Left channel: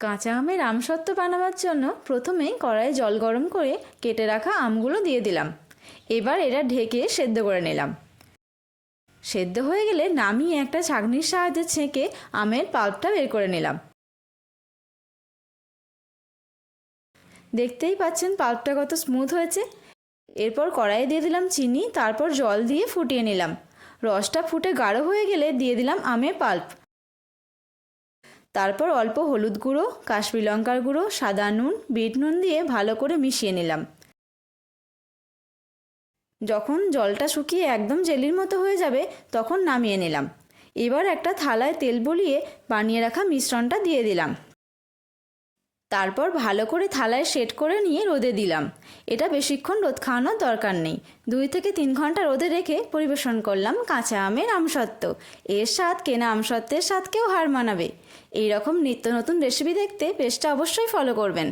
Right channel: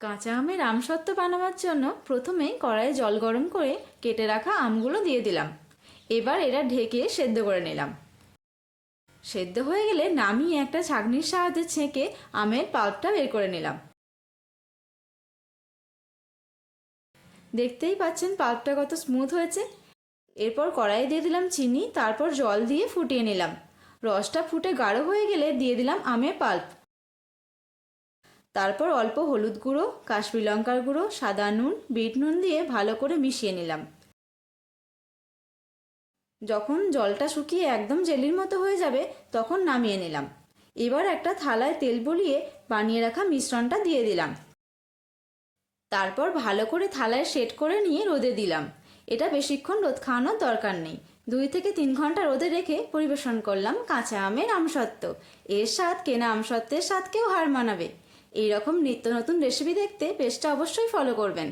কাঁচা আমের আমসত্ত্ব বানাবার জন্য প্রথমেই কড়াইয়ে জল গরম করে কেটে রাখা আমগুলো দিয়ে দিলাম। এবার এরা ঢেকে সেদ্ধ করে নিলাম। সেদ্ধ হয়ে গেলে নামিয়ে একটা ছাঁকনির সাহায্যে ছেঁকে আমের পাল্পটা বের করে নিলাম। দেখতেই পাচ্ছেন পাল্পটা কত স্মুথ হয়েছে। এরপর কড়াইয়ে দিয়ে দিলাম চিনি, তারপর জল দিয়ে ফুটিয়ে নিলাম। রসটা ফুটে গাঢ় হয়ে গেলে দিয়ে দিলাম আমের পাল্প। তারপর অল্প হলুদ গুঁড়ো, কাশ্মীরি লঙ্কার গুঁড়ো, সাদা নুন, বিট নুন দিয়ে ভালো করে মিশিয়ে নিলাম। যখন জলটা শুকিয়ে একদম জেলির মতো হয়ে যাবে তখন নামিয়ে নিলাম। এবার একটা থালায় তেল বুলিয়ে বানিয়ে রাখা মিশ্রণটা দিয়ে দিলাম। তারপর ভালো করে থালায় সেট করে নিয়ে রোদে দিলাম। এটা বেশিক্ষণ রোদ খাওয়ানোর দরকার নেই। 2 থেকে 3 ঘন্টা রোদে রেখে পরিবেশন করলাম কাঁচা আমের আমসত্ত্ব। এর স্বাদ কেনা আমসত্ত্বের স্বাদকেও হার মানাবে। এইরকম নিত্য নতুন রেসিপি দেখতে পেজটা অবশ্যই ফলো করবেন।